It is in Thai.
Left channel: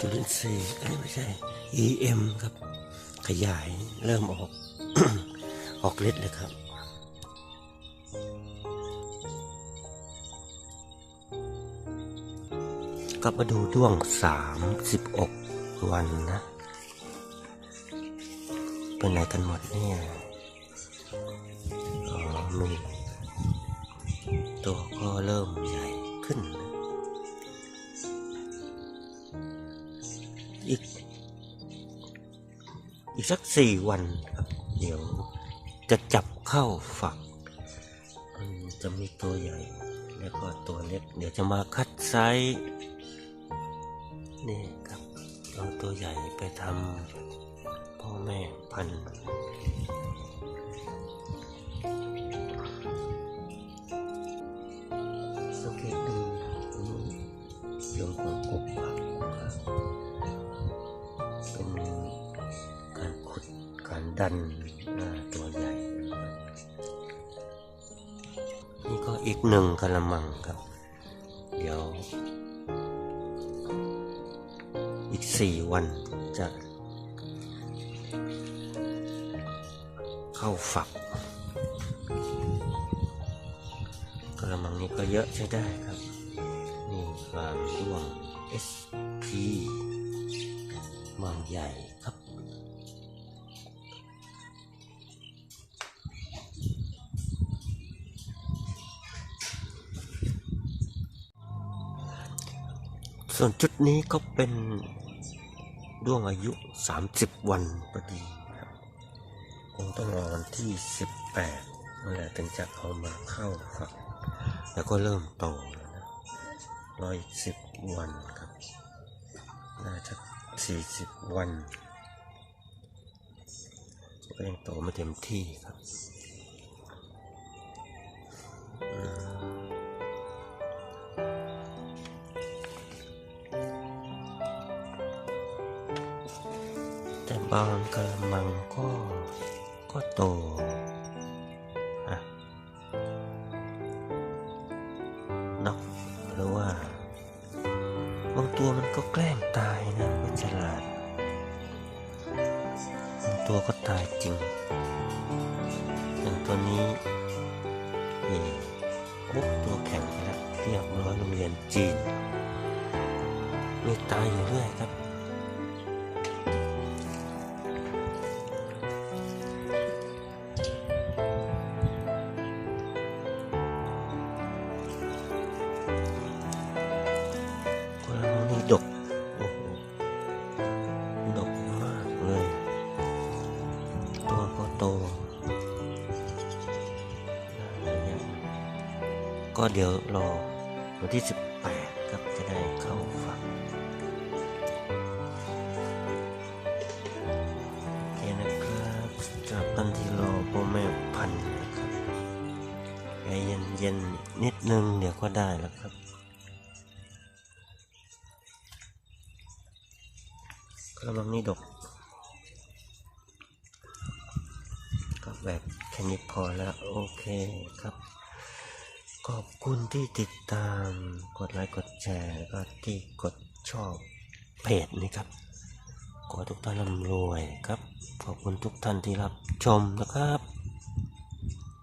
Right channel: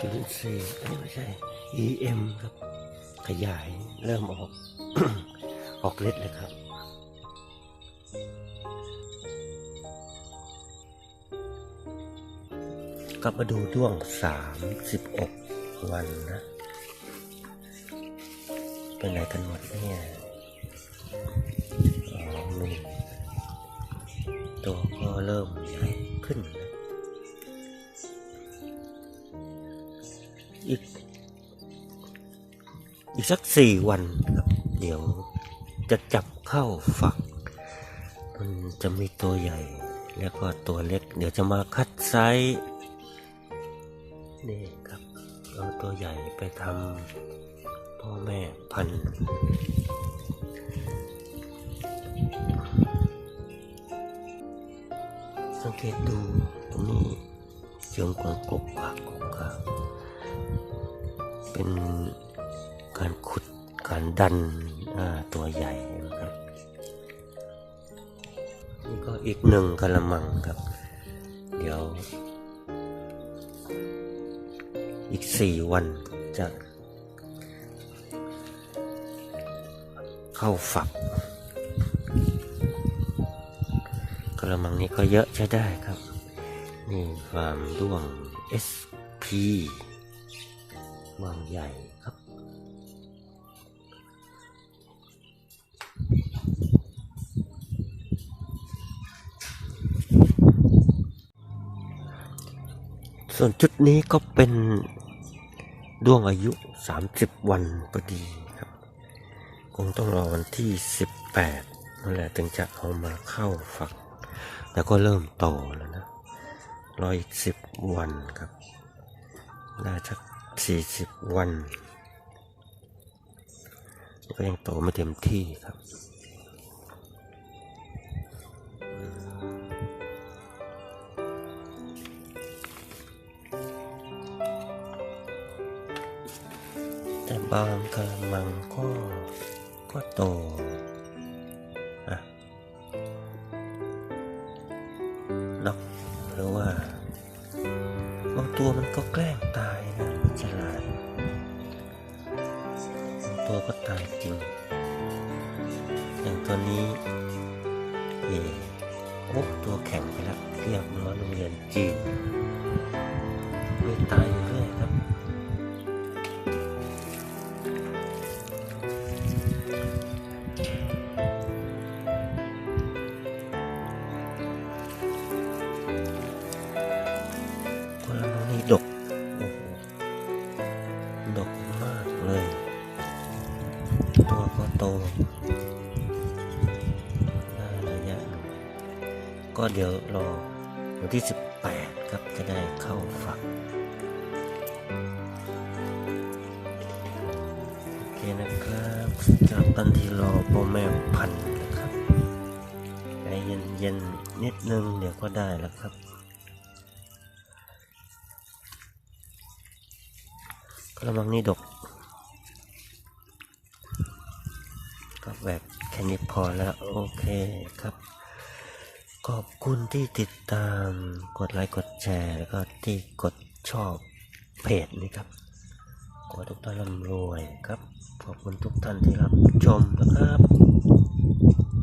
จุลินทรีย์ไม่ใช่ EM ครับ ขยายเริ่มออก ออกฤทธิ์เลยครับกลับมาดูด้วงสามสิบอกวันนะเป็นไหนกันหมดเนี่ยอ๋อมีตัวก็เริ่มใหญ่ขึ้นนะ อีก อีกสักสี่วันครับ เดี๋ยวจะจับเข้าฝักมันจะมีตัวใหญ่ แล้วก็ตัวเล็ก เดี๋ยวจะมาคัดไซส์นี่ครับเอาตัวใหญ่ไปทำพ่อแม่พันธุ์สังเกตดูตรงนี้เชิงของกบปากกบครับ เป็นการขุดการดันตัวใหญ่นะครับนี่ก็อีกหนึ่งกระมังครับ เดี๋ยว อีกสี่วันจะ เข้าฝักกระมังนี้ก็เยอะใช้ได้ครับ นี่ฟาร์มด้วง SP วังใหญ่ครับ ส่วนจุดนี้ก็เป็นด้วงอายุ 30 วันพอดีครับ คงต้องรอวันที่ 18นั่นแหละถึงจะเอามาเข้าฝัก แล้วก็เริ่มโตแล้วนะรออีก 10 วันครับ น่าจะ 40วันก็ยังโตไม่เต็มที่ครับแต่บางกระมังก็ก็โต บางตัวมันก็แกล้งตายนะมันฉลาดบางตัวก็ตายจริง อย่างตัวนี้นี่โอ้ตัวแข็งไปแล้วเรียบร้อยโรงเรียนจีนมีตายอยู่เรื่อยครับ เลย ตัวก็โตได้ระยหนึ่งก็เดี๋ยวรอวันที่ 18 ครับจะได้เข้าฝักโอเคนะครับจากกันที่รอพ่อแม่พันธุ์นะครับใจเย็นๆนิดนึงเดี๋ยวก็ได้แล้วครับ กระมังนี่ดกับแบบแค่นี้พอแล้วโอเคครับ ขอบคุณที่ติดตามกดไลค์กดแชร์แล้วก็ที่กดชอบเพจนี้ครับ ขอทุกท่านร่ำรวยครับ ขอบคุณทุกท่านที่รับชมนะครับ